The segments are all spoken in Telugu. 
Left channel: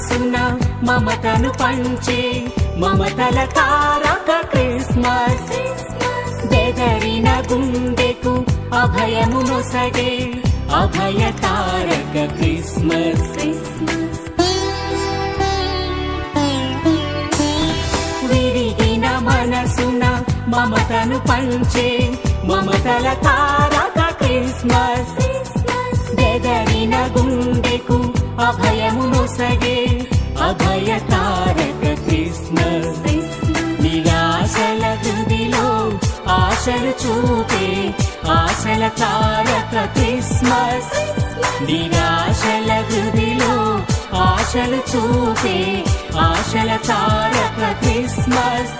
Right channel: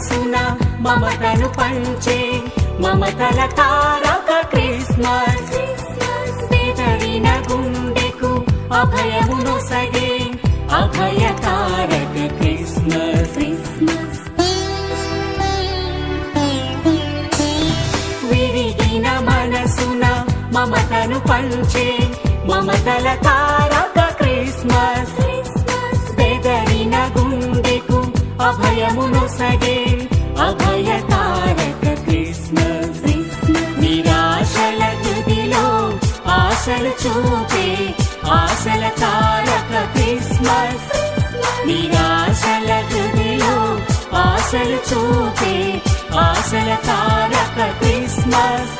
మనసున మమతను పంచే మమతల తారక క్రిస్మస్ బెదరిన గుండెకు అభయమును సగే అభయ తారక క్రిస్మస్ విరిగిన మనసున మమతను పంచే మమతల తారక క్రిస్మస్ బెదరిన గుండెకు అభయమును సగే అభయ తారక క్రిస్మస్ నిరాశల హృదిలో ఆశలు చూపే ఆశల తారక క్రిస్మస్ నిరాశల హృదిలో ఆశలు చూపే ఆశల తారక క్రిస్మస్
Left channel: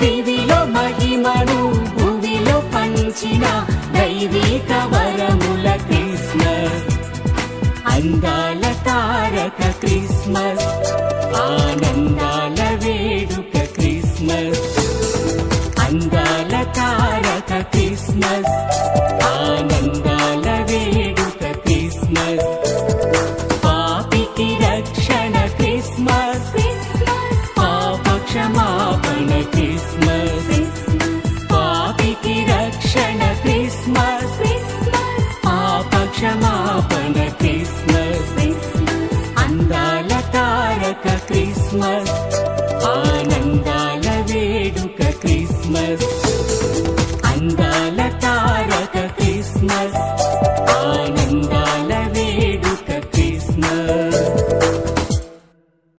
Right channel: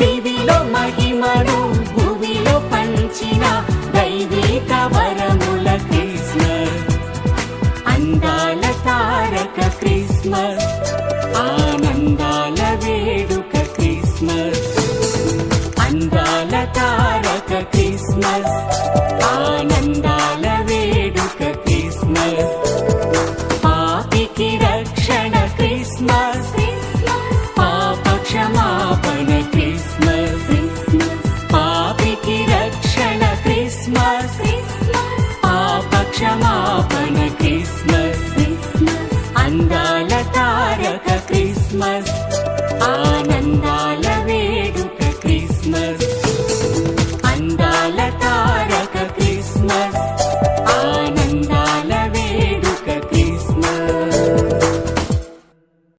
దివిలో మహిమను భూమిలో పంచిన దైవిక వరముల క్రిస్మస్ అందాల తారక క్రిస్మస్